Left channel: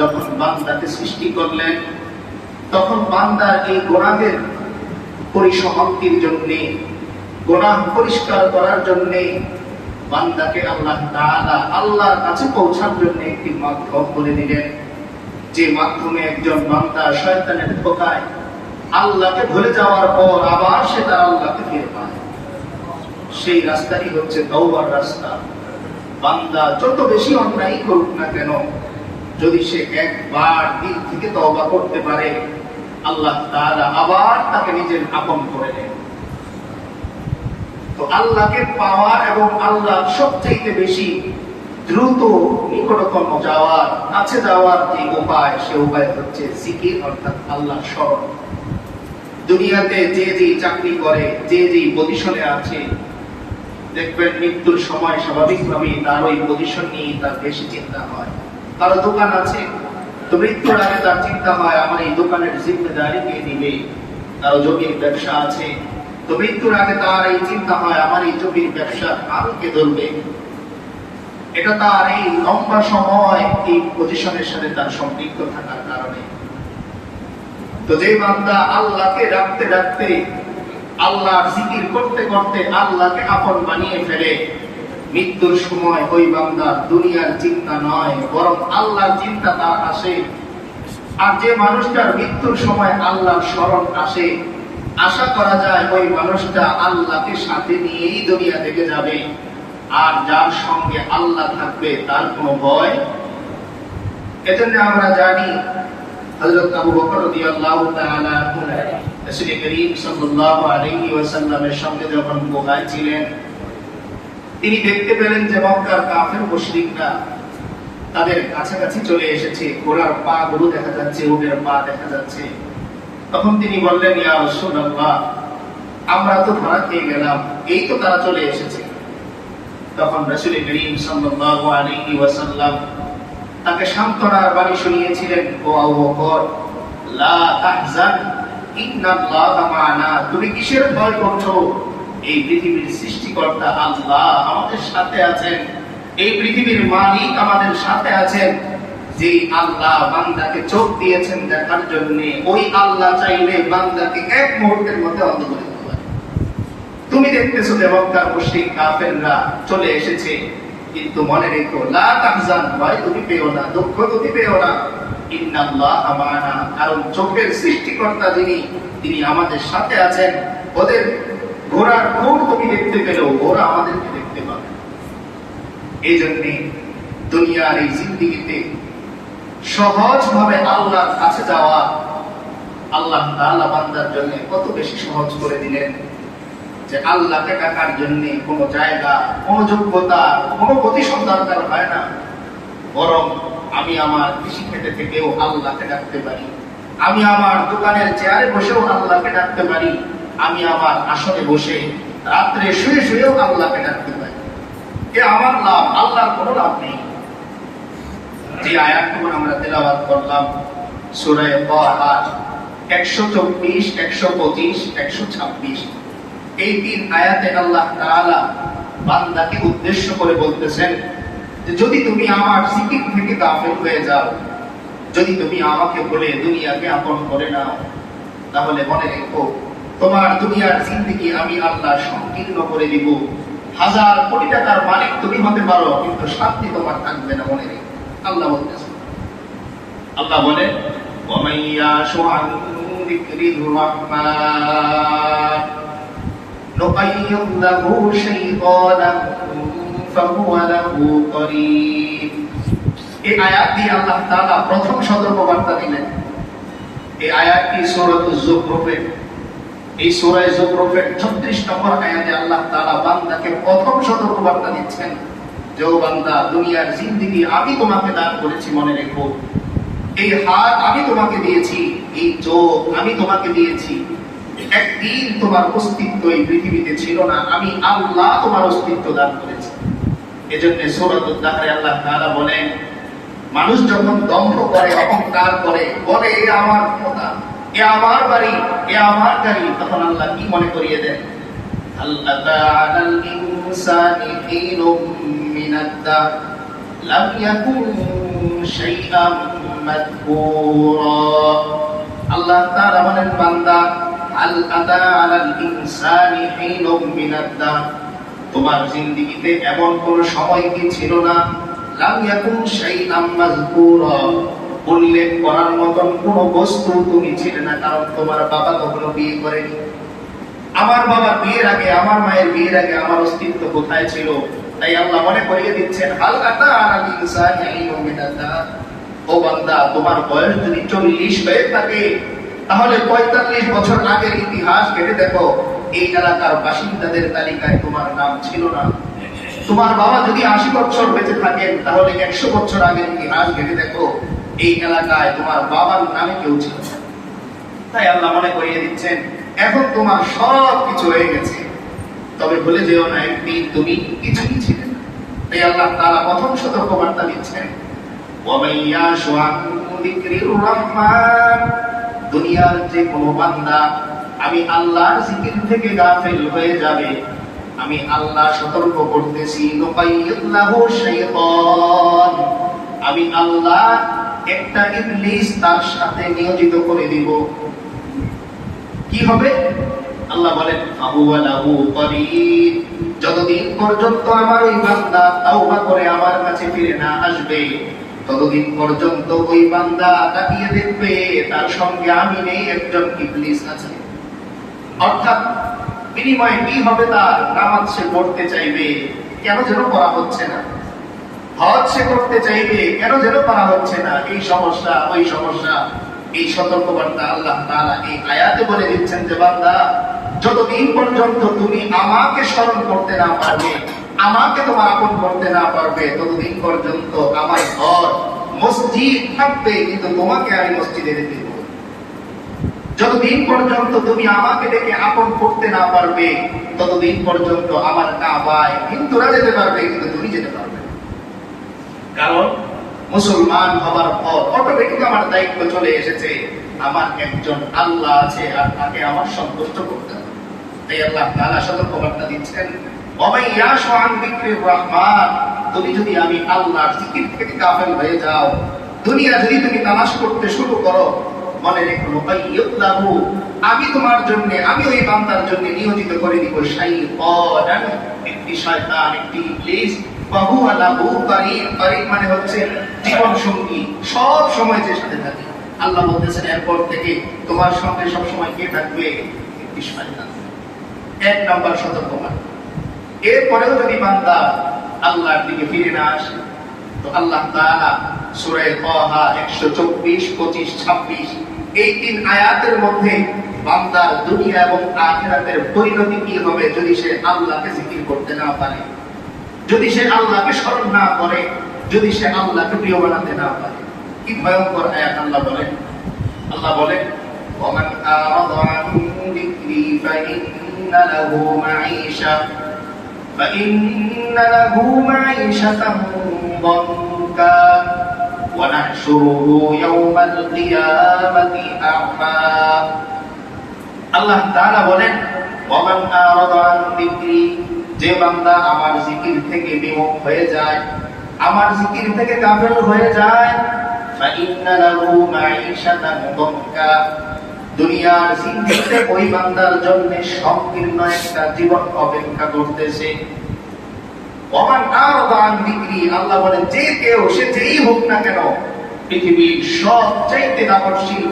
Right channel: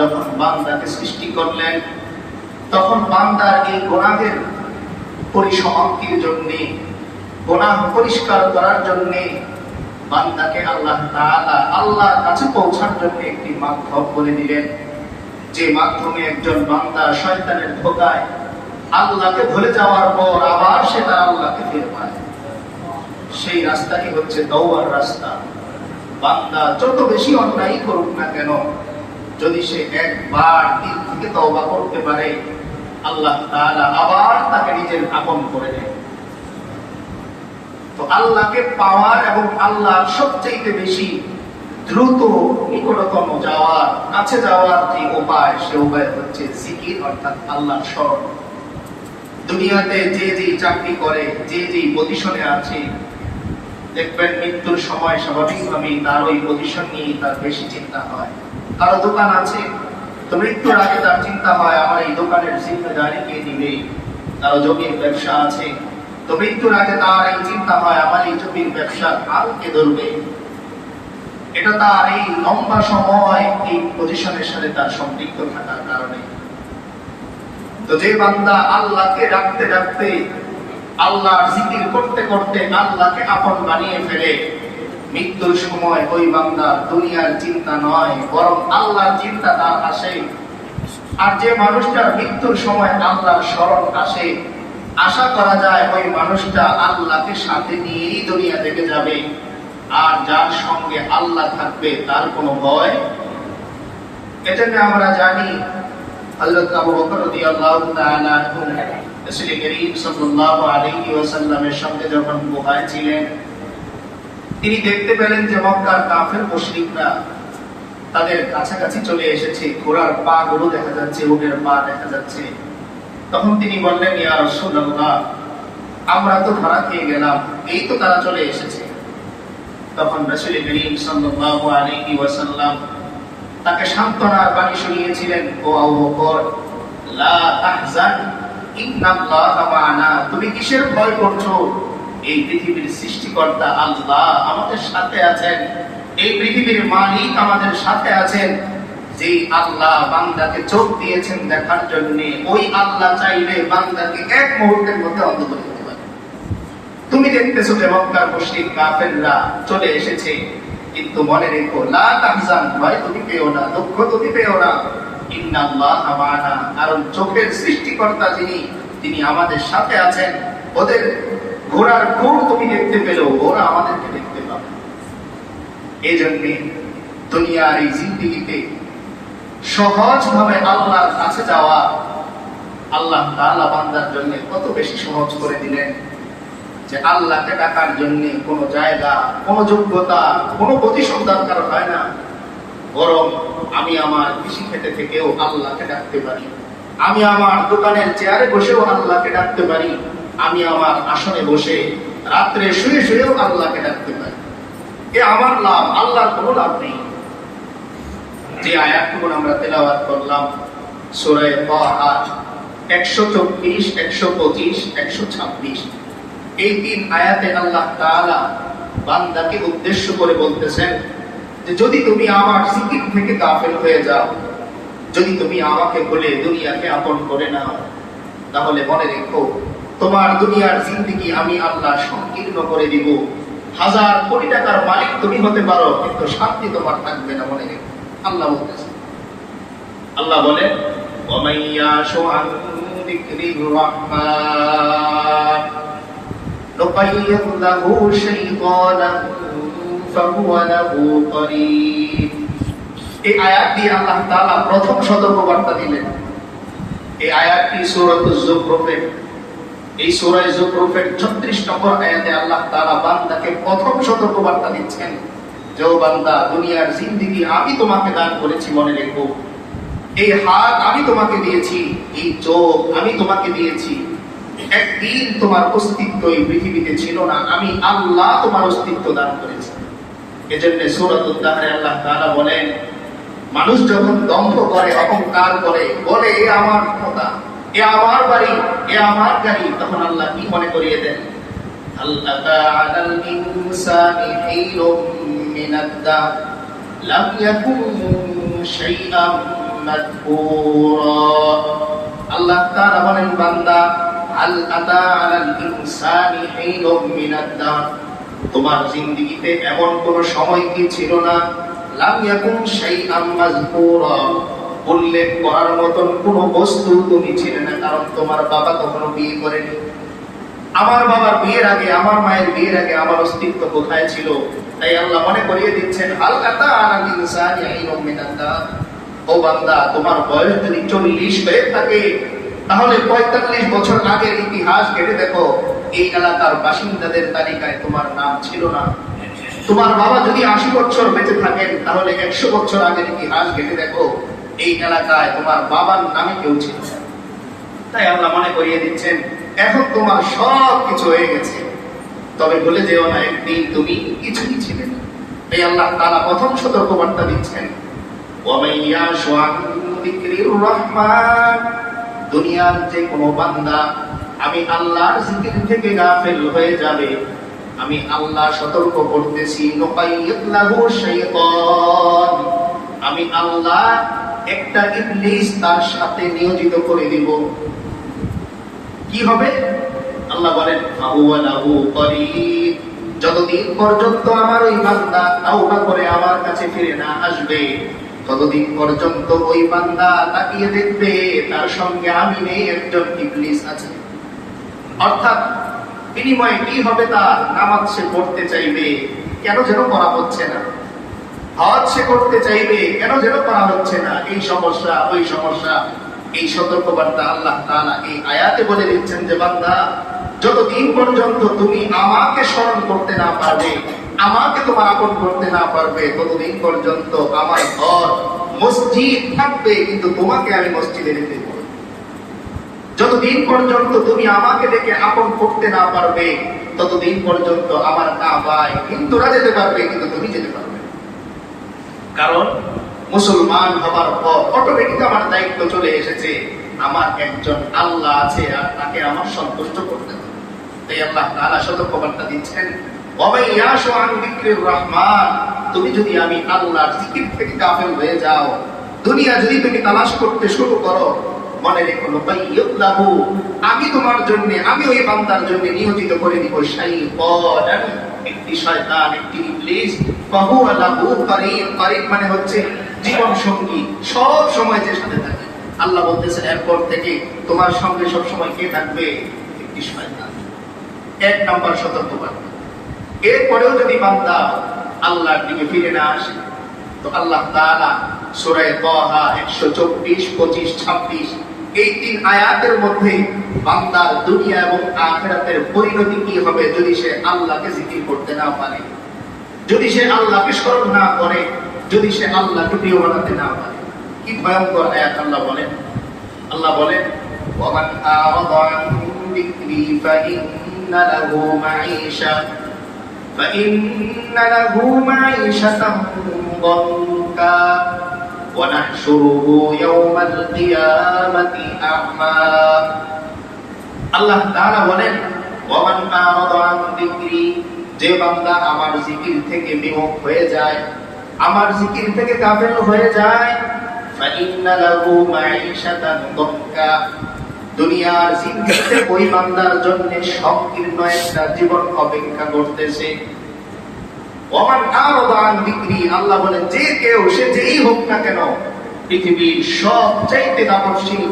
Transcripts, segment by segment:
যখন বান্দাকে সৃষ্টি করলেন, তখন বান্দার এই গোনাদের পরিসমাপ্তির জন্য, গোনাহ পরিষ্কার করার জন্য বান্দাকে আল্লাহ তাআলা আল্লাহর কাছে পৌঁছার জন্য একটি মাধ্যম বলে দিলেন, যে মাধ্যমে একজন বান্দা শয়তানের ধোকায় আল্লাহকে ভুলে যাওয়ার পর আবার সেটা আল্লাহকে ফিরে পায়। সেই রাস্তাটি হচ্ছে দৌড়ার রাস্তা। বান্দা যত বেশি অন্যায় করুক না কেন যদি সে একবার দিল থেকে তওবা করতে পারে, আল্লাহ তাআলা আবার তাকে নিজের আপন করে নেন তো আল্লাহকে পাওয়ার এবং আল্লাহ সবচেয়ে বেশি দ্রুত নিকটতম যাওয়ার, কাছে যাওয়ার যে উপায়, সে উপায় হচ্ছে জিকির, অর্থাৎ আল্লাহ স্মরণ। দুনিয়াতে যে যে চাকরি করে, যে যে পজিশনে আছে, দেখবেন মৃত্যুর সময় স্বাভাবিকভাবেই তার ওই পজিশন নিয়ে তার বেশি চিন্তা হয়। কারও দোকান আছে? তো মৃত্যুর আগে তার চিন্তা হয়, আমার এই দোকানের জিম্মেদারি কে নিবে কারও জমির ব্যবসা আছে? তো মৃত্যুর আগে তার এই চিন্তা হয়, আমার এই জমির ব্যবসার আল কে ধরবে? এটা তার এই লম্বা সময় এই পজিশনের সাথে তার সম্পৃক্ত থাকার কারণে। তো যে বান্দা আল্লাহকে ডাকতে ডাকতে আল্লাহর জিকির করতে করতে আল্লাহকে আপন বানিয়ে ফেলে মৃত্যুর সময় ওই বান্দা দুনিয়ার চিন্তা নয়, বরং আল্লাহর চিন্তা তার আসে। আর যে মানুষটার মৃত্যুর সময় আল্লাহর স্মরণ আসে, আশা করা যায় ওই মানুষটা আল্লাহকে সাথে নিয়েই দুনিয়া থেকে যাবে। আর যার সঙ্গে আল্লাহ থাকবে, তার কোনো ভয় এজন্য আমরা জানি ওয়াসাল্লামের সঙ্গে যখন গুহায় ছিলেন তিনি দেখতে পেলেন যে মক্কার কাফের মুশরিকরা তাদের কাছাকাছি চলে এসেছে। ঘোড়ার পা গুলো দেখা যাচ্ছে, উটের পা দেখা যাচ্ছে। তখন তিনি বললেন, ইয়া রাসূলুল্লাহ, আমরা তো ধরা খেয়ে গেলাম, এই তো তারা চলে এসেছে। তখন রাসূল করিম সাল্লাল্লাহু আলাইহি ওয়াসাল্লাম তাকে সান্ত্বনার বাণী শুনিয়েছিলেন, ও আবু বকর, লা তাহজান, ইন্নাল্লাহা মা'ানা, তুমি কিসের ভয় করছ? এই পৃথিবীর সৃষ্টিকর্তা আল্লাহ আমাদের সাথে আছেন। এই পৃথিবীর মালিক আমাদের সাথে আছেন। যে আল্লাহ বান্দাকে চোখ দিয়েছেন দেখার জন্য, ওই আল্লাহ চাইলে বান্দাকে এক মুহূর্তের মধ্যে অন্ধ করে দিতে পারে। তুমি দেখতেছো যে মক্কার কাফেররা চলে এসেছে। কিন্তু মনে রেখো, লা তাহজান, ভয় তুমি পেও না, দুঃখ তুমি পেও না। ইন্নাল্লাহা মা'ানা কারণ চোখের সৃষ্টিকর্তা যিনি, তিনি আমাদের সাথে আছেন। ওদের ঘোড়ার খুঁট তুমি দেখতে পেলেও ওরা আমাদেরকে দেখতে পাবে। এই জন্যে দুনিয়ার এই জিন্দিগিতে সহজভাবে আল্লাহর কাছে যাওয়া আল্লাহ তাআলা বান্দার জন্য কত বেশি সহজ করে দিলেন যে আল্লাহকে ডাকার জন্য কোনো জায়গা, কোনো যোগ্যতা, কোনো প্রতিশোধ দরকার হয় না। বরং আমি আমার কৃষি খেতে থেকেও আল্লাহকে ডাকতে পারি। আমি আমার দোকানের চেয়ারে বসেও আল্লাহকে ডাকতে পারি। আমি আমার আসনে বসে রাত্রে শুয়ে শুয়েও আল্লাহকে ডাকতে পারি। এ আমার লাভ, আল্লাহর কোনো লাভ নেই। যে আয়াতগুলো আমরা তেলাওয়াত করলাম, সুরায় একশো চব্বিশ, একশো পঁচিশ, একশো ছাব্বিশ, এই তিন আয়াতে আল্লাহ তাআলা বান্দাকে উদ্দেশ্য করে বলতেছেন যে, যদি তুমি আমার জিকির থেকে গাফেল হয়ে যাও, যদি তুমি আমাকে বলে দুনিয়াকে আপন করে নাও, তাহলে মনে রেখো তোমার দুনিয়ার জিন্দিগি আমি আল্লাহ সংকীর্ণ করে দিব। হাজার কোটি টাকার মালিক তুমি হতে পারো, কিন্তু শান্তি তোমার থাকবে না মনে রেখে। আল্লাহ বলতেছে। আল্লাহ বলে এই আয়াত দিয়ে আল্লাহ তাআলা প্রথম সতর্কবার্তা দিলেন। এই আয়াতটি সূরাতুজ জুখরফে এই সূরা যুখরুফের 36 নম্বর আয়াতে আল্লাহ তাআলা বান্দাকে প্রথম সতর্ক বার্তা দিচ্ছেন যে, ও বান্দা, দুনিয়ার জিন্দেগি আমি তোমাকে দান করেছি মনে রেখো। এই হাত আমি তোমাকে দিয়েছি, এই চোখ আমি তোমাকে দিয়েছি। একদিন তোমার অস্তিত্ব এই পৃথিবীতে ছিল না, আমি আল্লাহ তোমার অস্তিত্ব দান করেছি। এজন্য সূরাতুল দাহরে আল্লাহ তাআলা বলেন, মানুষ যখন দম্ভ করে, অহংকার করে, বলে, এ আমার ক্ষমতা। এ আমার বাড়ি, এ আমার গাড়ি। তখন আল্লাহ কি মনে করিয়ে দেন? তোমার জিন্দিগিতে এমন কোন সময় কি ছিল না? লাম ইয়াকুম শাইআম উল্লেখ করার মতন কোন বস্তু তুমি ছিলে না, কারণ তোমার বাবা কখনো বিয়ে করেনি। আমার বাবার বিয়ের আগে, আমার মায়ের বিয়ের আগে আমার অস্তিত্ব কোথায় ছিল? তাই আল্লাহ মনে করিয়ে দিচ্ছেন, হাল আতা আলাল ইনসানি ও বান্দা, তোমার বয়স যদি চল্লিশ হয়ে থাকে, তাহলে পঁয়তাল্লিশ বছর আগের ইতিহাস ঘেটে দেখো, এই এলাকার বাসিন্দাদের তালিকায় তোমার নাম ছিল না। তোমার বাবা যদি আশি বছর বেঁচে থাকেন, তাহলে একশো বছর আগের ইতিহাস ঘেটে দেখো এই এলাকায় তোমার বাবার নামে কেউ ছিল তাই আল্লাহ মনে করিয়ে দিচ্ছেন, এখন তোমার সব কিছু হয়ে গেছে। তবে বলে যেও না, একদিন তুমি কিছুই ছিলে না। তাই আল্লাহ তারা প্রথম সতর্কবার্তা দিচ্ছেন দুনিয়ার যে কোনো বান্দা, আমি আল্লাহর জিকির থেকে গাফেল হয়ে যাবে। আমি আল্লাহ সতর্ক করতেছি আমি আল্লাহ একটা তার সাথে নিয়োজিত করে দিব। কি হবে? আল্লাহ বলেন যতদিন পর্যন্ত আমার ওই বান্দা তাওবা করে আমার কাছে ফিরে না আসবে, ততদিন পর্যন্ত ওই বান্দা তাকিয়ে দেখবে, তার সঙ্গে আমি নেই, একজন ইবলিস আছে। অর্থাৎ, বিনিময়ে কি হবে তার? নামাজ সে পড়তে চাইবে। কেন যেন করা হচ্ছে না। হজ করতে চাইবে, কেন যেন করা হচ্ছে না এই সমস্যা, ওই সমস্যা, এই সতর্কবার্তা আল্লাহ তাআলা এই আয়াতে বলে দিচ্ছেন যে, বান্দা, যতদিন পর্যন্ত তুমি আমাকে স্মরণ করতে না পারবে, আমাকে তোমার আপন করতে না পারবে, ততদিন পর্যন্ত আমার ঘর, মসজিদ থাকবে, কিন্তু তোমাকে আমি মসজিদে রেখে দেবো যতদিন পর্যন্ত তুমি আমাকে দেখে আপন করতে না পারবে, ততদিন পর্যন্ত আমার না কাবায় হিন্দুরা যেতে পারবে, কিন্তু তুমি যেতে পারবে। কারণ মুসলমান হবার পর অটোমেটিক আমার দায়িত্ব চলে এসেছে, আমার একজন আল্লাহ আছে আর তাকে আমার সন্তুষ্ট করতে হবে। তাই আল্লাহ তাআলা সতর্কবার্তা দিচ্ছেন রহমান তুমি যদি আমি আল্লাহর জিকির থেকে হয়ে যাও, দুনিয়া যদি তুমি তালাশ করতে শুরু করো, মনে রেখো আমি তোমার জন্য, আমি ওই বান্দার জন্য নিয়োজিত করে দিব শাইতান, একটি শয়তান, একটি ইবলিস করিব মানে হচ্ছে জীবন সঙ্গী। সব সময় থাকে। আল্লাহ বলতেছেন, এরপর থেকে তোমার সঙ্গে কে থাকবে? এক সতর্কবার্তা এরপরেও যদি বান্দা আল্লাহর দিকে ফিরে না আসে, তো আল্লাহ তাআলা সূরা তাহা 124 25 26 এই তিন আয়াতের মধ্যে বান্দার দুনিয়া এবং আখিরাতের পরিণতি কি হবে যদি সে আল্লাহকে জিকির করতে না পারে? যদি সে আল্লাহকে স্মরণ না করে যদি সে আল্লাহকে প্রিয় বানাতে না পারে কি ভয়ঙ্কর আয়াত আল্লাহ বলেন আল্লাহ বলেন ومن أعرض عن ذكري فإن له معيشة فإن له معيشة ضنكا ونحشره يوم القيامة أعمى আল্লাহ তাআলা বলেন ওয়ামান আরাদা আন যিকরি যে বান্দা আমার জিকির থেকে বিমুখ হয়ে যায়, আমার জিকির থেকে গাফেল হয়ে যায়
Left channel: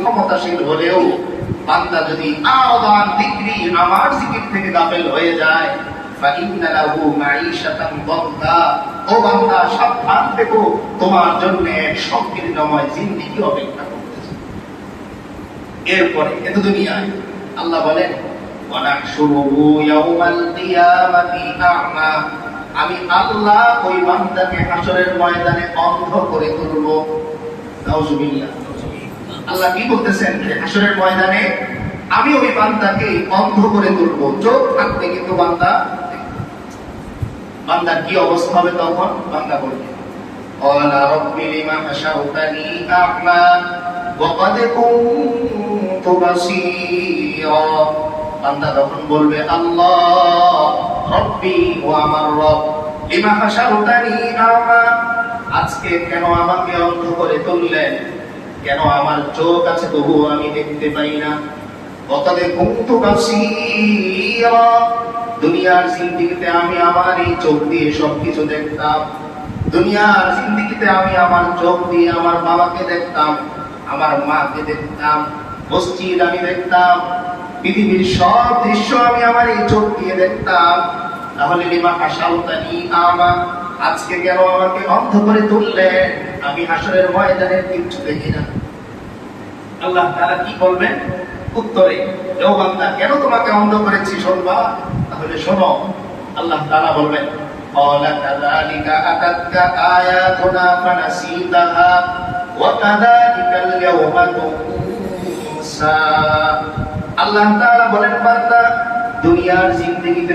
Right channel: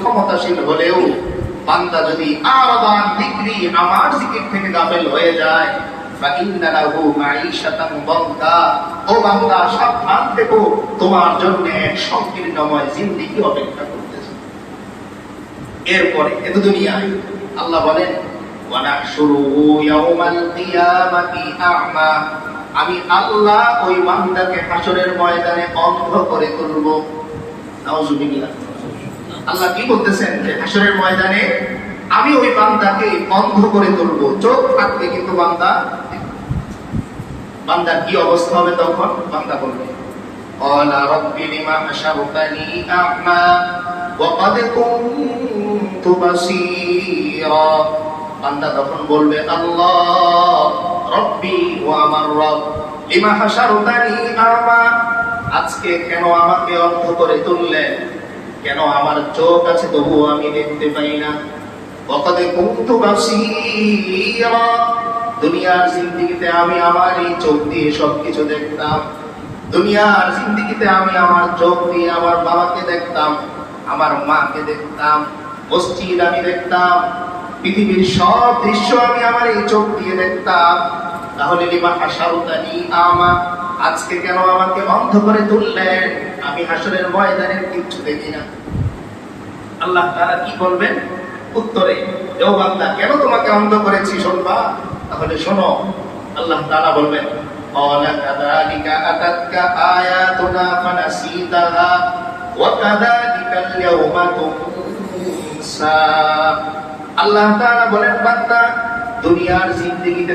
ক্ষমতাশীল হলেও বান্দা যদি আরাদা আন যিকরি আমার জিকির থেকে গাফেল হয়ে যায় আল্লাহ আ'মা। আল্লাহ ওই বান্দাকে হাসরের ময়দানে অন্ধ করে তুলব। আল্লাহ কি বলতেছেন হাসরের ময়দানে আমি ওই বান্দাকে অন্ধ করে তুলব। চোখ থাকতে কিন্তু বান্দা বান্দার কি অবস্থা হবে তখন বান্দা বলবে قال رب لما حشرتني أعمى وقد كنت بصيرا বান্দা তখন বলবে আল্লাহ রব্বি ও আমার রব লিমা হাশারতানি আমা আজকে কেন আমাকে অন্ধ করে তুললেন কেন আমার চোখ আছে তবুও আমি দেখতে পাই না কতদে কুন্তু বাসীরা দুনিয়ার জিন্দিগিতে আমি আমার এই চোখ দিয়ে সবকিছু দেখতাম। দুনিয়ার জিন্দিগিতে আমি আমার চোখ দিয়ে আমার বাবাকে দেখতাম, আমার মাকে দেখতাম, মসজিদ আমি দেখতাম, পৃথিবীর সব দৃশ্য আমি আমার এই চোখ দিয়ে দেখতাম। তাহলে লিমা হাসাউতানি আমা, আজকে কেন আমাকে অন্ধ করে তুললেন? আমি হাসরের ময়দানের কিচ্ছু দেখি না। আল্লাহ তারা কি বলবেন? উত্তরে দেও বান্দা কেন তোমাকে অন্ধ করেছি শুনবা? তাহলে শোনো, আল্লাহ তারা বলবেন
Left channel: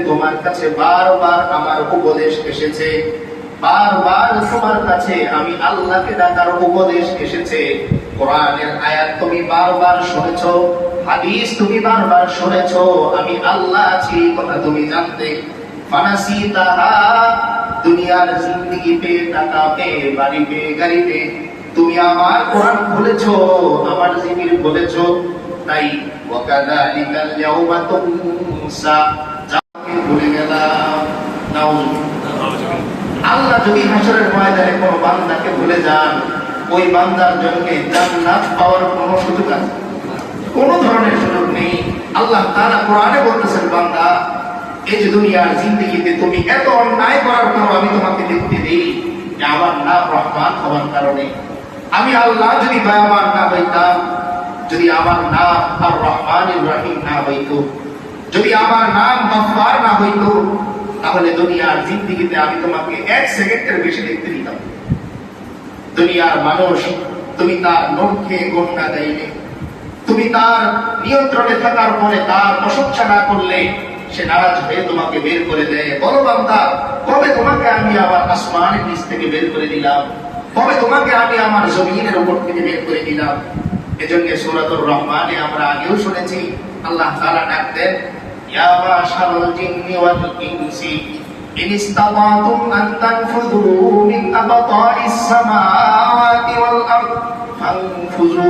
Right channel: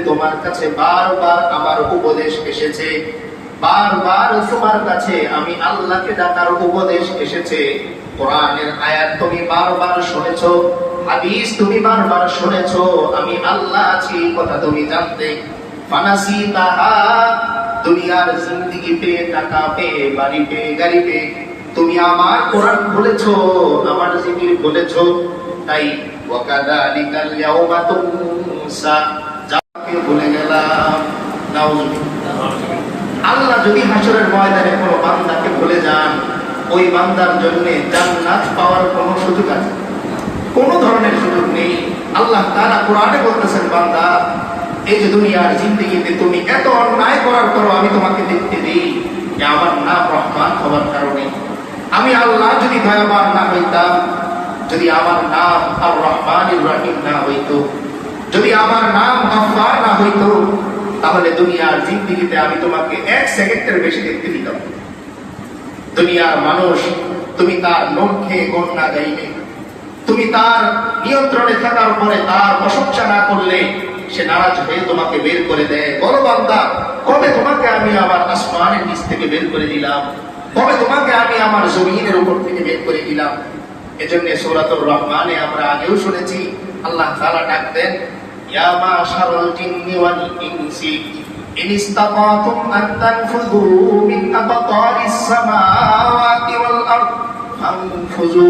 তোমার কাছে বারবার আমার উপদেশ এসেছে। বারবার তোমার কাছে আমি আল্লাহকে ডাকার উপদেশ এসেছে। কোরআনের আয়াত তুমি বারবার শুনেছো হাদিস তুমি বারবার আমি আল্লাহ আছি কথা তুমি জানতে ফানাসি তাহা দুনিয়ার জিন্দগি পেয়ে, টাকা পেয়ে, বাড়ি পেয়ে, গাড়ি পেয়ে। তুমি আমার কোরআন আমার তাই তুনসা, যাকে ভুলে গেলাম আল্লাহ যদি হাসরের ময়দানে কোনো বান্দাকে ভুলে যান, ওই বান্দার জন্য জান্নাত পাওয়ার কোনো সুযোগ আছে? কোনো ধরনের সুযোগ নেই। আল্লাহ তারা কোরআনে বলতেছেন, বান্দা, এই যে দুনিয়ার জিন্দগিতে তুমি এত অন্যায় করার পর আমি তোমাকে দেখতে দিই যে আমার নাম রহমান হওয়ার কারণে। আমি আল্লাহ যদি দয়াবান না হইতাম, যদি আমার নাম আর রহমান রহিম না হইতো, যদি আমার নাম গফফার না হইতো, তাহলে দুনিয়ার জিন্দগিতে আমি তোমাকে এক সেকেন্ডের বেশি দেখতে দিতাম। দুনিয়ার মানুষ, তুমি তার লক্ষ্যে গণনা দেয়নি। তুমি তার নিয়ন্ত্রণে থাকার পরে তার প্রশংসা না করলে সে নারাজ হয়ে তোমাকে বের করে দেয়। বলো বান্দা, কবে তোমাকে আমি আমার আসমানের নিচ থেকে বের করে দিলাম? কবে তোমাকে আমি আমার জমিনের উপর থেকে বের করে দিলাম? এজন্য সূরাতুর রহমানে আমরা আগেও শুনেছি, আল্লাহ তাআলা ডাক দেন, ইয়া ইনসি, ইন আন তানফুযু মিন আবতারিস সামাওয়াতি ওয়াল আরদ, ফানফুযু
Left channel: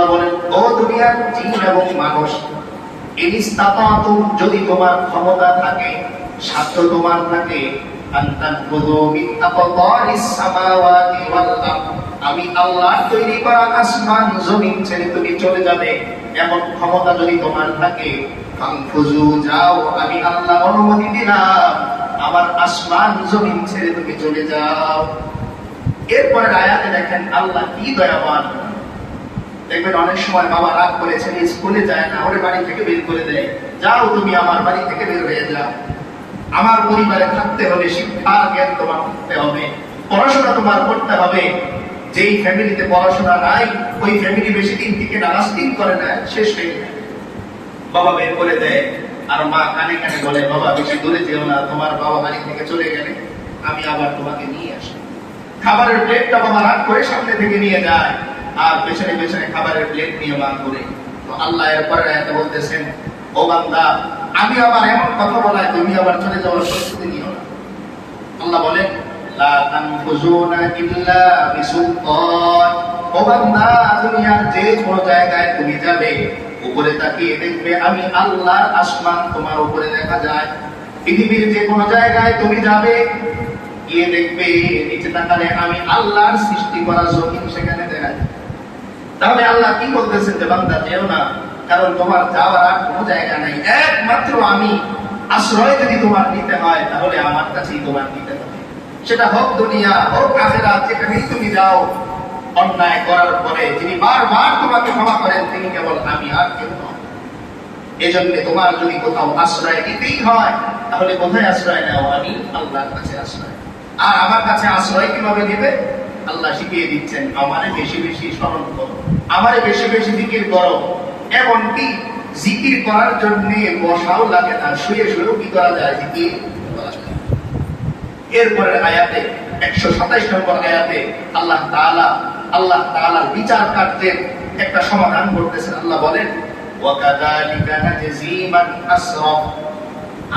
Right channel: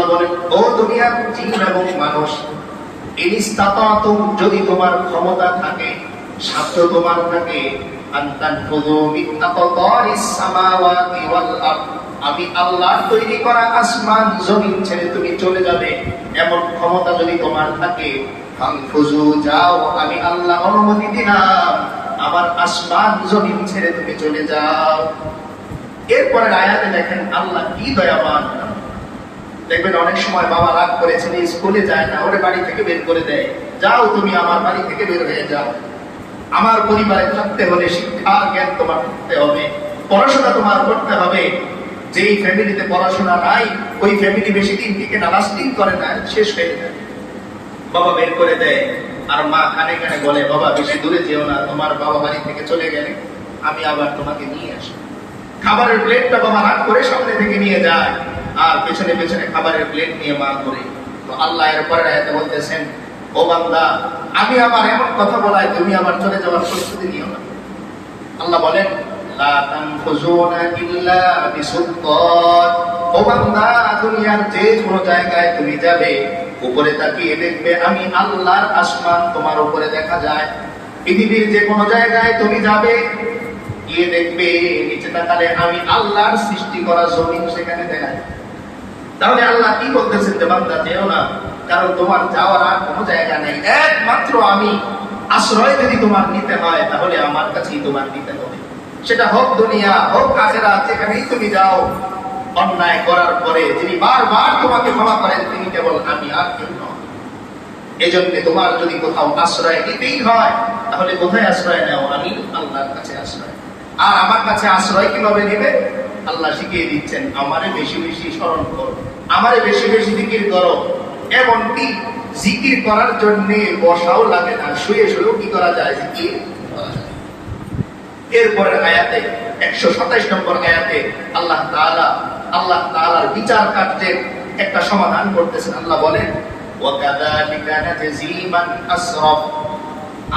আল্লাহ বলেন, ও দুনিয়ার জিন এবং মানুষ যদি তোমার ক্ষমতা থাকে সাধ্য তোমার থাকে আমি আল্লাহ তৈরি করা আসমান, জমিন ছেড়ে তুমি চলে যাবে। এমন ক্ষমতা যদি তোমার থাকে যাও। আমি আল্লাহ অনুমতি দিলাম, আমার আসমান, জমিন ছেড়ে তুমি চলে যাও। এরপরে আয়াতে দেখেন আল্লাহ কি দয়াবান। দেখবেন অনেক সময় বাবা রাগ করেছেন স্কুলে যায় না, ওরে বাড়ি থেকে বের করে দেয় যাও তুমি আমার বাড়ি থেকে বের হয়ে যাও। আমার পরিবারে থাকতে হলে শিক্ষার জ্ঞান তোমার থাকতে হবে। পড়াশোনা তোমার করতে হবে। যেই ফ্যামিলিতে পড়াশোনা নাই, ওই ফ্যামিলি বেশি দিন থেকে লাস্টিং করে না, শেষ হয়ে যায়। বাবা বের করে দেয়। আর মা কানে কানে বলে, বাবা, বেশি দূরে যেও না, তোমার বাবা বাড়ি থেকে চলে গেলে আমি আবার তোমাকে নিয়ে আসব। খাবারের প্লেটটা বাবা রাগ করে সামনে থেকে নিয়ে যায়। আর পেছনে পেছনে খাবারের প্লেট নিয়ে মা করে। তো আল্লাহ এর পরে বলতেছেন, ও বান্দা, আমি আবার এমন কথা বলাই, তুমি আবার চলে যাওয়ার পরিস্থিতি নিও না। আল্লাহ বলেন আল্লাহর আসমান তোমার উপরে দেখা যায়। পৃথিবীর যে কোনো জায়গায় তুমি যাবে দেখবে, নিচে তাকালে, আমি আল্লাহর সৃষ্টি করা জমিন সেখানে দেখা তাহলে আল্লাহ কি বলতেছেন যে বান্দা, যেও না, কারণ তোমার যাওয়ার আর কোনো জায়গা নাই। একমাত্র আমি আশ্রয় যদি তোমার নিতে হয়, তাহলে আমার কাছেই তোমার নিতে হবে। সেটা হোক দুনিয়া, হোক আখেরা যেখানেই তুমি যাও, অন্যায় করার পরে যিনি বারবার তোমাকে ক্ষমা করেন, তিনি কেবল আমি আর কেউ নন। জন্য তোমার যদি কোথাও আশ্রয় নিতেই হয়, তাহলে কোথায় আশ্রয় নাও? আমি আল্লাহর কাছে আশ্রয়। আর আমার কাছে আশ্রয় কীভাবে নেবে? আল্লাহ শিখিয়ে দিচ্ছেন, আমারে বেশি বেশি স্মরণ করো, আমারে বেশি বেশি জিকির করো। এমনকি জিকির করার জন্য বসাও লাগে না, শুয়ে শুয়েও কি করা যায় জিকির? করা এরপরের আয়াতে, একশো সাতাইশ নম্বর আয়াতে আল্লাহ তাআলা, আল্লাহ তাআলার বিচার কার্যের একটা সমাধান করতেছেন। আল্লাহ বলেন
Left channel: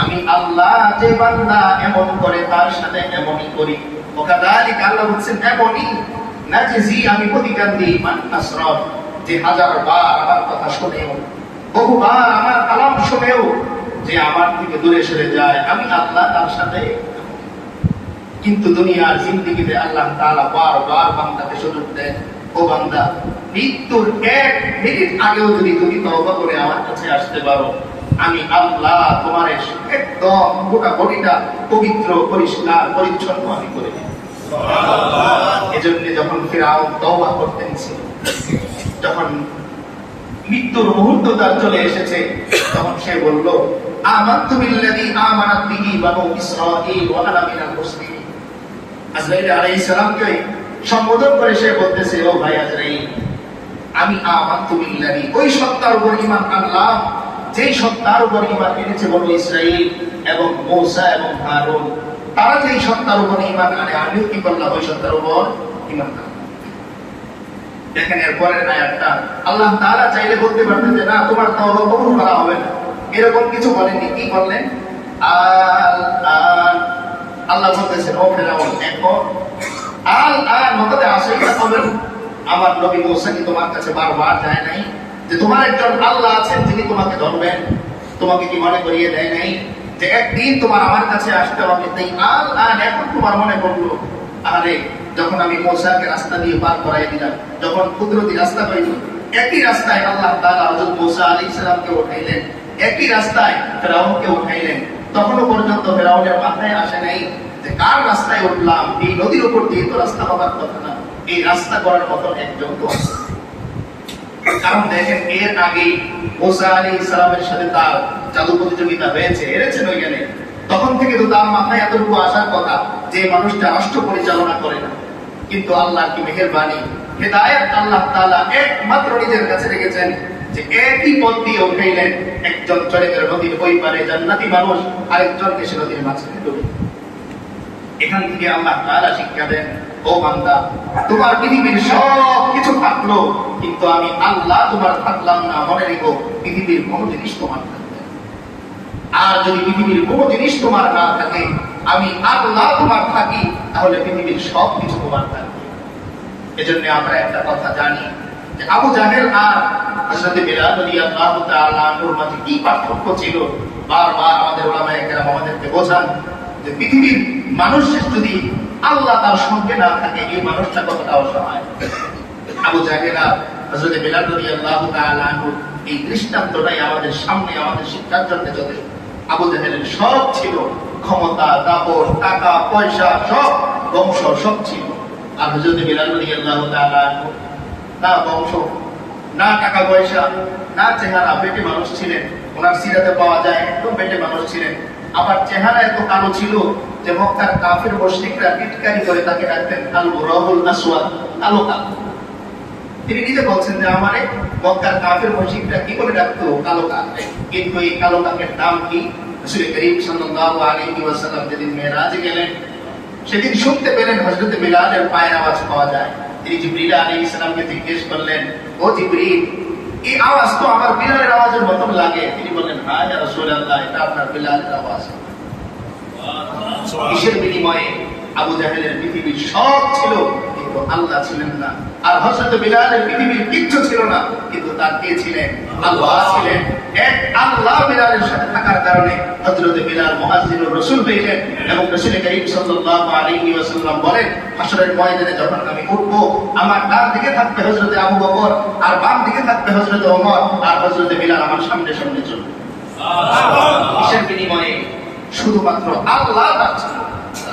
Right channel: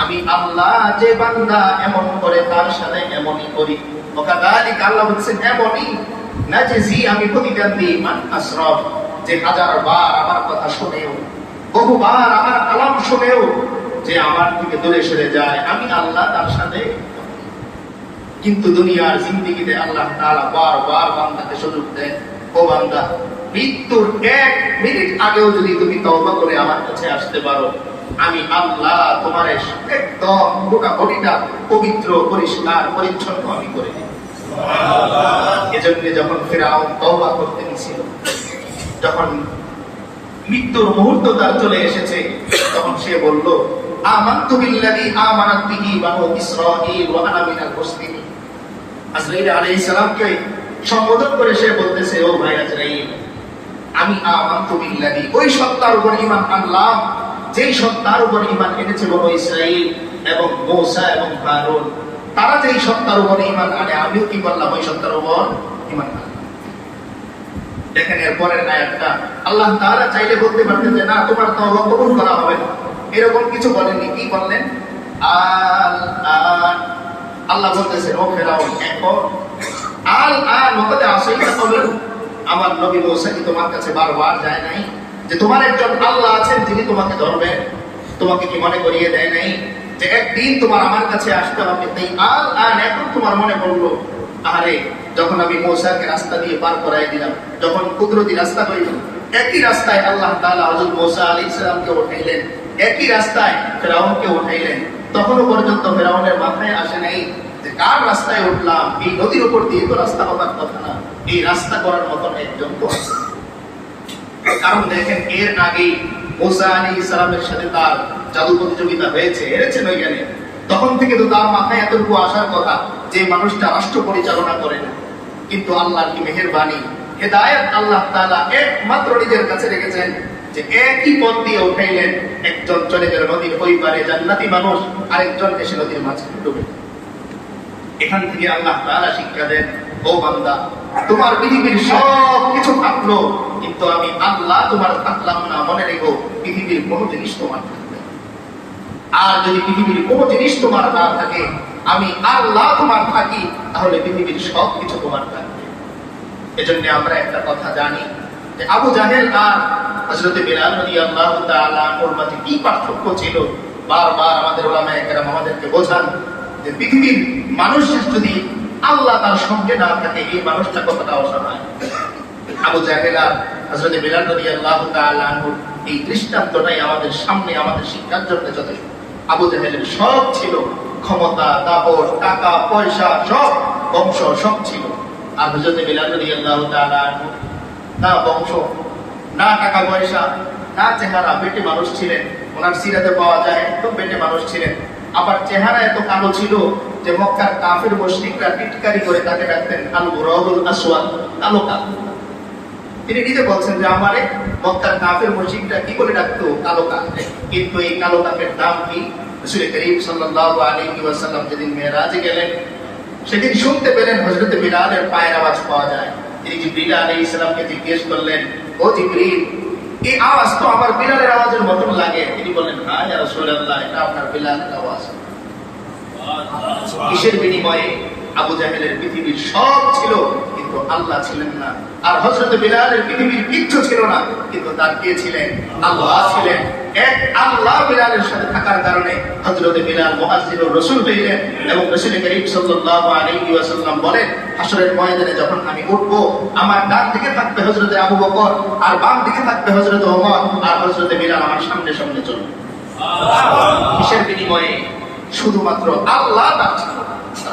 আমি আল্লাহ যে বান্দা এমন করে তার সাথে এমনই করি। এমনই না যে জি আমি দিই মান যে হাজার বার আমার কথা বহুবার আমার কালাম যে আমার থেকে দূরে সরে যায়, আমি আল্লাহ তার সাথে কিন্তু দুনিয়ার জিন্দিগিতে আল্লাহ তাআলা বারবার বান্দাকে সুযোগ দেন। ও বান্দা, মৃত্যুর এক মিনিট আগেও যদি তুমি তওবা করে আমার কাছে আসতে পারো আমি আল্লাহ তোমার পবিত্র, পরিষ্কার, পরিচ্ছন্ন আমি করে এজন্য যখন ফেরাউন তওবা করতে নিছিল যখন মৃত্যুর মুহূর্ত তার চলে এসেছে, তখন সে বলল আজরাইল সম্বোধন করে সে বলতেছে, ও ভাই আজরাইল, আমি আমানতু বিল্লাযী, ওই সত্তার উপর ঈমান আনলাম যেই সত্তার উপর ঈমান এনেছে বনু ইসরাঈল এবং মূসা এবং হারুন, তারা যেই সত্তার উপর ঈমান আনে, আমিও কি করলাম ওই সত্তার উপর আনলাম। দেখেন আল্লাহ তাআলা চাইলে বলতে যে, না, তোমার কবুল করা হবে না। এরকম কিছু বলেননি, কি বললেন আন আল্লাহ বলতেছেন, ও আল আন মকদে আসেই আমার নবী মুসা কি তোমার কাছে বারবার যায় নাই? যে তোমার একজন আল্লাহ আছেন যিনি তোমাকে ধরবেন। তোমাকে কি মনে করিয়ে দেয় নাই? যে একদিন তোমার আমার কাছে আসতে হবে তাই আল আন এখন তোমার মনে পড়ল, আরে, যখন আমি মৌসাকে রাস্তা দিয়ে পার করাই দিলাম, যখন কুদরতি রাস্তা পাইল একই রাস্তায় আল্লাহ তাআলা হযরত মূসা আলাইহিস সালামকে উঠাইলেন, একই রাস্তায় ফেরাউনকে উঠাইলেন। তখনও পর্যন্ত ফেরাউনের মাথায় আসে নাই যে কার রাস্তায় উঠলাম? এই নদীর উপর দিয়ে তো রাস্তা হবার কথা না। এই রাস্তা করার মতন একজন তো আছে। কারণ দেখেন, এর মূসা আলাইহিস সালামের সাথে তার জাদু প্রতিযোগিতা হয়েছে হেরেছেন ওইখানে। তখন থেকে তো তার মাথায় এতটুকু আসার কথা যে মানুষটা রাষ্ট্র পরিচালনা করে না। কিন্তু আল্লাহর কি মেহেরবানি? হেদায়েত আল্লাহ তাআলা একমাত্র নিজের কাছে রেখেছেন যে একই পথ দিয়ে উঠাইলেন একজন চলে নদীর ওই পারে জান্নাতি মানুষ, আরেকজন দেশে নদীর মাঝখানে ডুবে। এখান থেকে আল্লাহ তাআলা শিক্ষা দেন, ও বান্দা তোমার পৃথিবীর সব কিছু থাকল, কিন্তু আমি আল্লাহ তোমার থাকলাম না। মনে রেখো, পৃথিবীর কোনো জিনিস তোমার আর যদি পৃথিবীর কোনো জিনিস তোমার না থাকে, আমি আল্লাহ তোমার থাকি, তাহলে পৃথিবীর সব কিছু তোমার থাকবে। এজন্য আমরা একটা কথা জানি যে আবু জাহেল আর হযরত বিলাল তাআলা আনহুর মাঝে কি পার্থক্য ছিল? বারবার আমাদের ওলামায়ে কেরাম আমাদেরকে বোঝান যে পৃথিবীর মানুষ যদি আল্লাহ তার সঙ্গে না থাকে, এই মানুষটা কতটা অসহায়? আবু জাহেল আর হযরত বিলাল রাদিয়াল্লাহু তাআলা এই দৃষ্টান্তটাই আমাদের সামনে, আমাদের শিক্ষার জন্য যথেষ্ট। আবু জাহেলের সব ছিল ক্ষমতা, দাপট, টাকা, পয়সা, সব বংশ, সব ছিল। আর হযরত বিলাল রাদিয়াল্লাহু তাআলা আনহু না বংশ, না টাকা পয়সা, না চেহারা। পেটে মানুষ ছিলেন, ওনার সিরাতে পাওয়া যায়, একদম পেটে মানুষ ছিলেন। আবার চেহারা এত কালো ছিল যে মক্কার কাফের মুশরিকরা টিটকারি করে তাকে ডাকতেন আল আসওয়াদ কালো কালো তিনি নিজে বলছেন যে, আমারে মক্কার কাফের মুশরিকরা কি বলে ডাকতো? কালো কাক কিন্তু এই কালো কাকের নাম কি? রাসূল করিম সাল্লাল্লাহু আলাইহি ওয়াসাল্লাম যেদিন মেরাজে গেলেন, সেদিন শুনতে পেলেন হযরত বিলালের পায়ের আওয়াজ পাওয়া যায়। তিনি জিবরিল আলাইহিস সালামকে জিজ্ঞেস করলেন, ও জিবরিল, এই আওয়াজ তো আমার বিলালের আওয়াজের মতন লাগে। তিনি বললেন হ্যাঁ রাসূলুল্লাহ, এটা আপনার বিলালের আওয়াজ। কিসের বিনিময়ে আবু জাহেলের পৃথিবীর সব ছিল কিন্তু আল্লাহ ছিলেন না। আর হযরত বিলালের পৃথিবীর কিচ্ছু ছিল না কিন্তু তার কে ছিলেন? আল্লাহ ছিলেন। এক আল্লাহ বিলালের সাথে থাকার কারণে হযরত বিলাল রাসূল হইলেন এবং রাসূল করিম সাল্লাল্লাহু আলাইহি ওয়াসাল্লাম বলেন হাসরের ময়দানে যখন আমি উঠব আমার ডান দিকে থাকবে হযরত আবু বকর আর বাম দিকে থাকবে হযরত ওমর আর হযরত বিলাল আমার সামনে সামনে চলবে। কিসের বিনিময়ে শুধুমাত্র আল্লাহ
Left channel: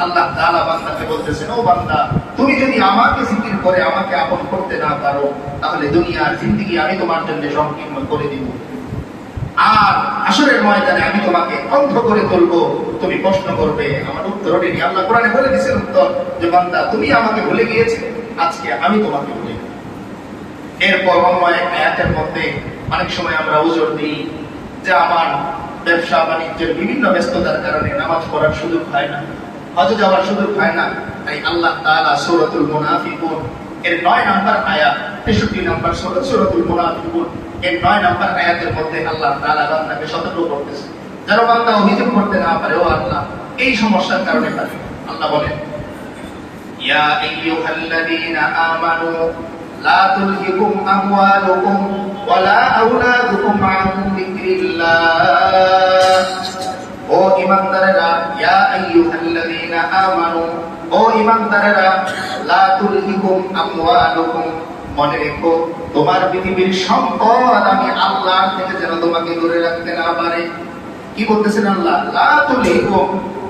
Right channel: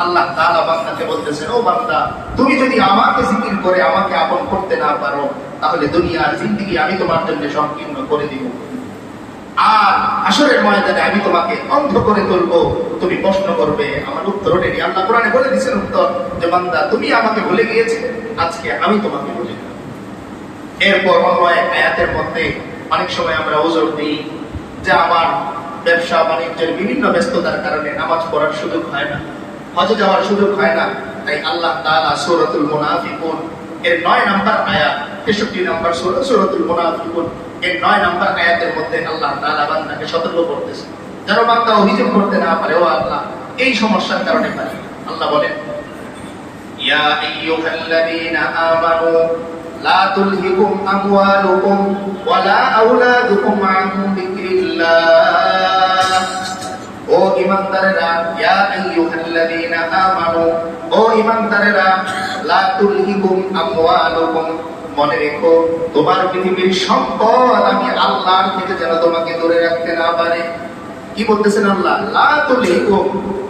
আল্লাহ তাআলা বান্দাকে বলতেছেন, ও বান্দা, তুমি যদি আমাকে জিকির করে আমাকে আপন করতে না পারো, তাহলে দুনিয়ার জিন্দেগি আমি তোমার জন্য সংকীর্ণ করে দিব। আর আসরের ময়দানে আমি তোমাকে অন্ধ করে তুলবো। তুমি প্রশ্ন করবে, আমার উত্তর রেডি আল্লাহ কোরআনে বলে দিয়েছেন উত্তর যে, বান্দা, তুমি আমাকে ভুলে গিয়েছে, আজকে আমি তোমাকে ভুলে। এরপর অন্য এক আয়াতের মধ্যে অনেক সময় আমরা ওজোর দিই যে, আমার ব্যবসা বাণিজ্যের বিভিন্ন ব্যস্ততার কারণে নামাজ পড়ার সুযোগ হয় না, হজে যাওয়ার সুযোগ হয় না। তাই আল্লাহ তাআলা সূরাতুল মুনাফিকুন, এর নয় নাম্বার আয়া তেষট্টি নাম্বার সৌর, সৌরতুল মুনাফিকুন, এর নয় নাম্বার আয়াতের মধ্যে আল্লাহ তালা বান্দাকে সতর্ক করতেছে। যারা বান্দা অভিযোগ করতে না পারে, ও আল্লাহ, এই সমস্যার কারণে পারে। আল্লাহ বলেন, ইয়া আইয়ুহাল্লাযীনা আমানু, লা তুলহিকুম আমওয়ালুকুম ওয়ালা আওলাদুকুম আন মনে রেখো, তোমার পৃথিবীর সম্পদ আমি আল্লাহ থেকে যেন তোমাকে দূরে রাখতে না পারে। কি বলতেছেন আল্লাহ?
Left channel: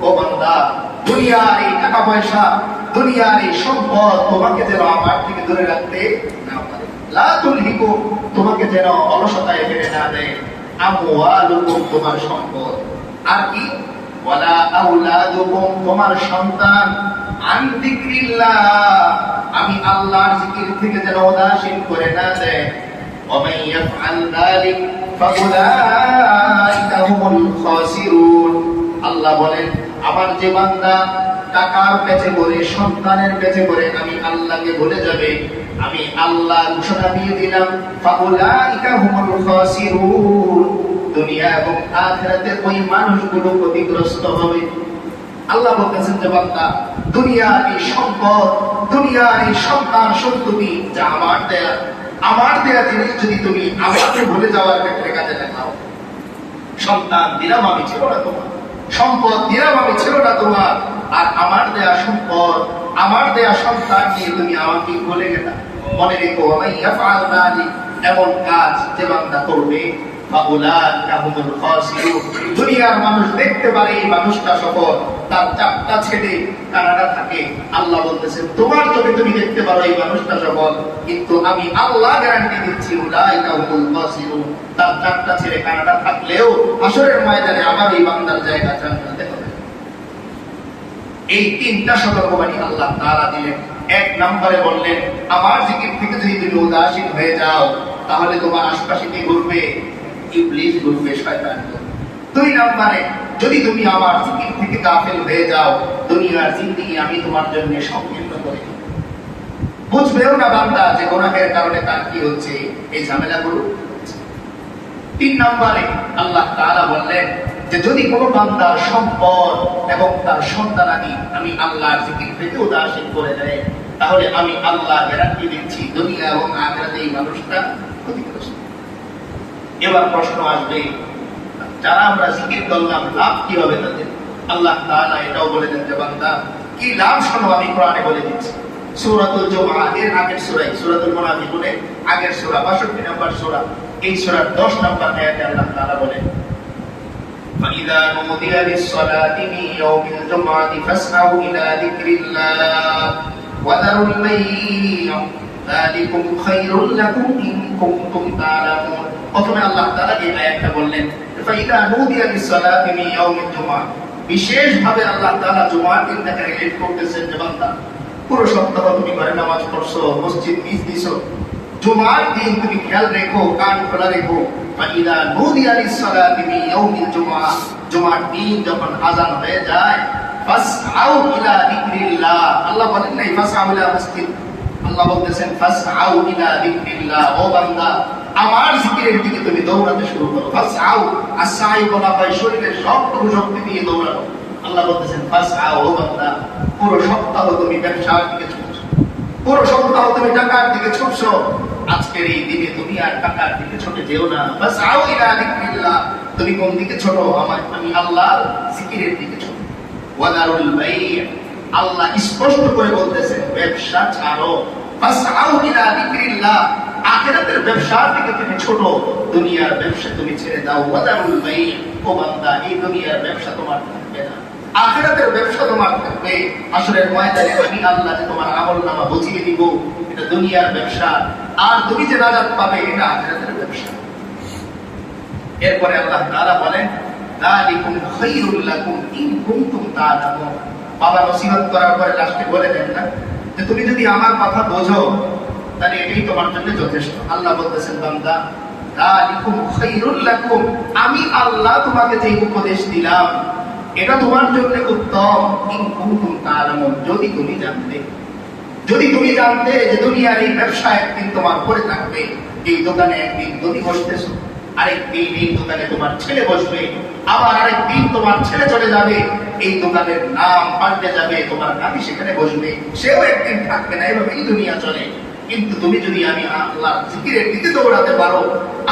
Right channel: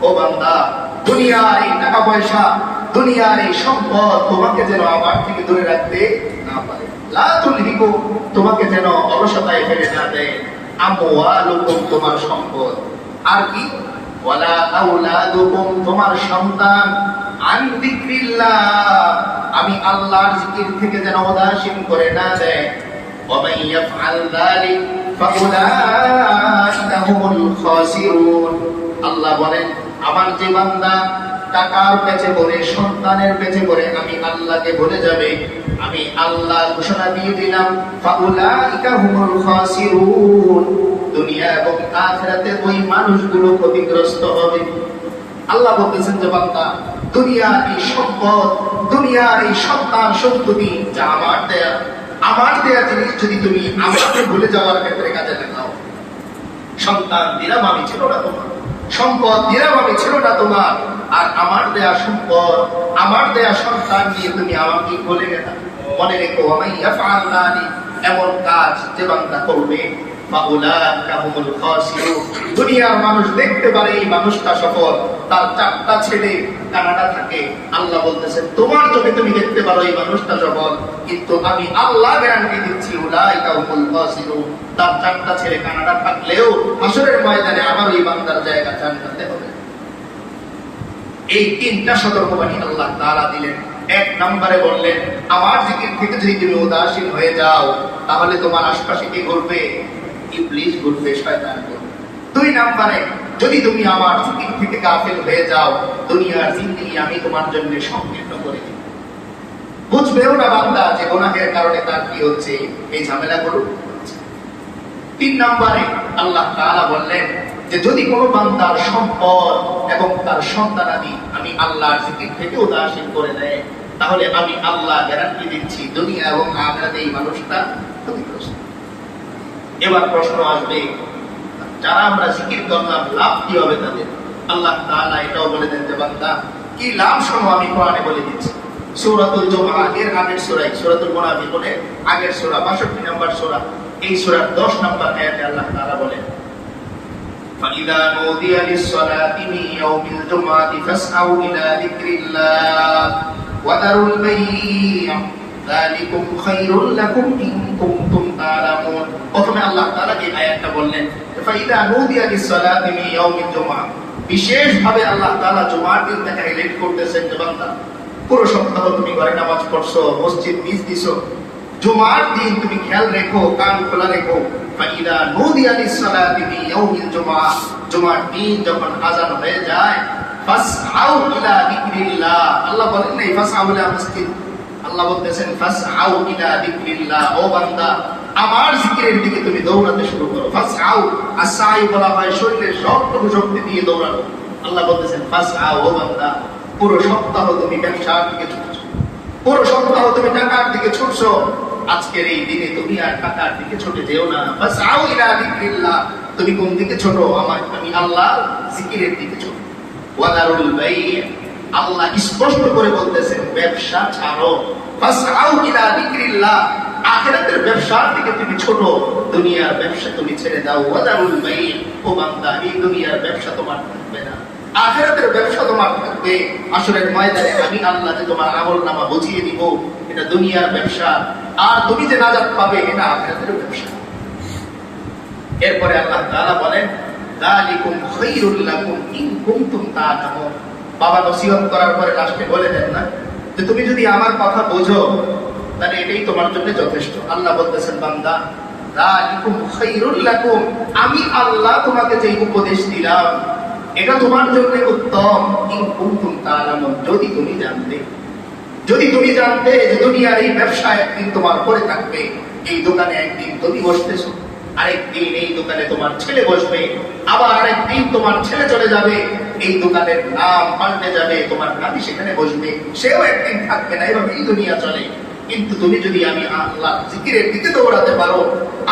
ও বান্দা, দুনিয়ার এই টাকা পয়সা দুনিয়ার এই সম্পদ তোমাকে যেন আমার থেকে দূরে রাখতে না পারে। লা তুলহিকুম, তোমাকে যেন অলসতায় ফেলে না দেয়। আমওয়ালুকুম তোমার সম্পদ আর কি ওয়ালা আউলাদুকুম তোমার সন্তান আন যিকরিল্লাহ আমি আল্লাহর জিকির থেকে যেন উদাসীন করে না দেয় ومن يفعل ذلك فأولئك هم الخاسرون আল্লাহ বলেন আমার যে বান্দা টাকার পেছে পড়ে সন্তানের পেছে পড়ে আমি আল্লাহকে ভুলে যাবে আমি আল্লাহ ঘোষণা দিয়ে দিলাম, ফাউলাইকা হুমুল খাসিরুন। দুনিয়া এবং আখিরাতে ওই মানুষগুলো ক্ষতিগ্রস্ত হবে। আল্লাহ বলতেছেন যে, বান্দা, দুনিয়ার এই সম্পদ, দুনিয়ার এই সন্তান সন্ততি যা আমার দেয়া আমার দেয়া জিনিস যদি তুমি আমাকে ভুলে যাওয়ার ক্ষেত্রে কাজে লাগাও। সন্তান দিলাম আমি ছিল না তোমার, সম্পদ দিলাম আমি ছিল না তোমার, আর আমার দেয়া সম্পদ, আমার দেয়া সন্তান নিয়ে তুমি আমাকে বলে গেলা। মনে রেখো আমি ইয়াফআল এমন কাজ যে বান্দা করবে। বা উলাইকা হুমুল দুনিয়ার মানুষ দেখতে পারে এই মানুষটা সফল। তার চারটা ছেলে কানাডা থাকে। আল্লাহ বলতেছেন তোমার চোখে তুমি দেখতে পারো এই মানুষটা সফল। কিন্তু আমি আল্লাহ গ্যারান্টি দিচ্ছি, উলাইকা হুমুল তার কানাডা থাকলেও হাসরের ময়দানে আমার বান্দার জায়গা জান্নাতে এই তিনটা সতর্কবাণী আল্লাহ তাআলা দিলেন। এক নম্বরে বললেন, আমার জিকির থেকে যদি তুমি উদাসীন হয়ে যাও, তাহলে তোমার আশপাশে কে ঘুরবে? ঘুরবে শয়তান দুই নম্বরে, যদি তুমি আমার জিকির থেকে হয়ে যাও, দুনিয়ার আমি তোমার জন্য সংকীর্ণ করে বুঝবেও না বান্দা যে গোনাহের কারণে তার কি হচ্ছে, এই ঝামেলাগুলো তিন নম্বরে, আল্লাহ তাআলা বললেন যে যদি কোনো বান্দার সম্পদ এবং তার সন্তানাদি আমি আল্লাহর জিকির থেকে উদাসীন করে দেয়, তাহলে আমি আল্লাহ গ্যারান্টি দিচ্ছি দুনিয়া এবং আখেরাতে এই মানুষটা ক্ষতিগ্রস্ত। এবার প্রশ্ন আসবে, যারা আমরা জিকির করলাম, লাভ কি হবে তাদের? আল্লাহ তাআলা এটাও বলে দেন যে, বান্দা, কি লাভ শোনো, আমি কোরআনে বলে দিচ্ছি। সূরাতুল জুমআ, এর আগের সূরাই, সূরাতুল মুনাফিকুনের আগের সূরা 62 নম্বর সূরা, এই সূরার 10 নম্বর আয়াতে আল্লাহ তাআলা বলেন فإذا نودي للصلاة من يوم الجمعة فاسعوا إلى ذكر الله وذروا البيع ذلكم خير لكم إن كنتم تعلمون প্রথমে আল্লাহ তাআলা এই আয়াতটা বললেন فإذا نودي للصلاة من يوم الجمعة বিশেষভাবে আল্লাহ তাআলা জুমার দিন দেখা রিলেট করতেছেন যে বান্দা পুরো সপ্তাহ তুমি ঘরে নামাজ পড়ছো মসজিদ মিস দিছো জুমার দিন তুমি খেয়াল রেখো কান খোলা রেখো ফাইদা নুদিয়া লিসসালাতি মিন ইয়াউমিল জুমআ, জুমার দিন যখন আযান হয়ে যায়, ফাসআউ ইলা যিকরিল্লাহ। আল্লাহ বলেন নাই ফাসআউ ইলা মসজিদ। আল্লাহ বলতেছেন, ফাসআউ ইলা যিকরিল্লাহ। ও বান্দা, আমার জিকিরের দিকে তুমি দৌড়াতে শুরু করো। ফাসআউ আসাই বলা হয়, শরীরের সবটুকু শক্তি দিয়ে দৌড়ানো। আল্লাহ বলতেছেন, ফাসআউ, ও বান্দা, পুরো সপ্তাহ তুমি ব্যবসার দিকে পুরো সপ্তাহ তুমি টাকার দিকে ছুটছো। আজকের এই দিনে তুমি আর টাকার দিকে ছুটে যেও না। বাস আও ইলা যিকরিল্লাহ, তুমি কোন দিকে ছোট? আমার আমি আল্লাহ জিকিরের দিকে ছোট। ওয়াদারুল বাই আল্লাহ স্পষ্ট করে বলতেছেন ব্যবসা ছাড়ো। বাস আও ইলা যিকরিল্লাহ, আখিরাতের ব্যবসার দিকে তুমি ছোট। দুনিয়ার ব্যবসা তুমি ছেড়ে দাও। ওয়াদারুল বাই ও বান্দা, এই দুনিয়ার ব্যবসা তোমার আখিরাতের ব্যবসা তোমার থাকবে। আসরের ময়দানে আমি আল্লাহ যে তোমার আমল নামা বুঝিয়ে দিব। এটা দুনিয়ার ব্যবসা। আর তুমি যে নাজাত পাবে, এটা আখিরাতের ব্যবসা। এরপরে আল্লাহ তাআলা বলেন ইন বাবা, নসিহত করার পরে লাস্টে বলে দেন না, যে তুমি যদি আমার কথা বোঝো, তাহলে এটাই তোমার জন্য যথেষ্ট। আল্লাহ বলতেছেন, বান্দা আমি আল্লাহ তোমাকে যে উপদেশ দিলাম এটা তোমার জন্য উত্তম। ইন কুনতুম যদি তুমি জানতে। যদি তুমি জানতে যে দুনিয়ার এই ব্যবসা একদিন তোমার পরে থাকবে, এই দোকানে একদিন যদি বসতেছো, আরেকদিন এই দোকানে তোমার ছেলে বসবে, আবার আরেকদিন তোমার ছেলে চলে যাবে, এই দোকানের নাম পাল্টে যাবে, তোমার নামি সেখানে বসবে, সেও একদিন থাকবে না এভাবে এই দুনিয়া চলে। কিন্তু তুমি যদি আমি আল্লাহ জিকিরের দিকে দৌড়াতে পারো,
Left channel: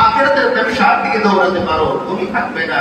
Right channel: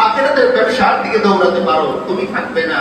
আখেরাতের ব্যবসার দিকে দৌড়াতে পারো, তুমি থাকবে না।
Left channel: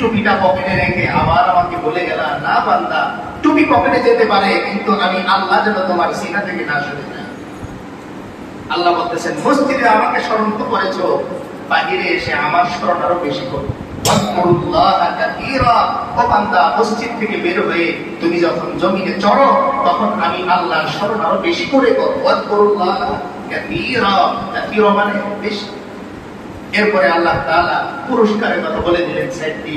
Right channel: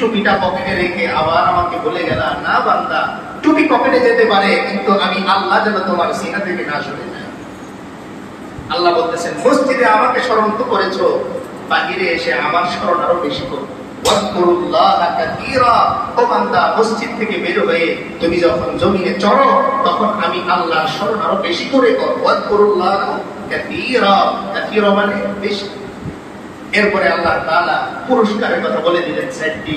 টুপিটা পকেটে রেখে আবার আমাকে বলে গেলা না বান্দা টুপি পকেটে যেতে পারে কিন্তু আমি আল্লাহ যেন তোমার সিনা থেকে না সরে আল্লাহ বলতেছেন মসজিদে আমাকে স্মরণ তো করেছ বাহিরে এসে আমার স্মরণ আরও বেশি করো। ওয়াজকুরুল্লাহা কাসীরা। ও বান্দা, মসজিদ থেকে বের হয়ে তুমি যখন জমিনে চড়ো তখন আমি আল্লাহর স্মরণ আরও বেশি করে করো মানে বেশি। এরপরে আল্লাহ তালা পুরস্কারের কথা বলে দিলেন চারটি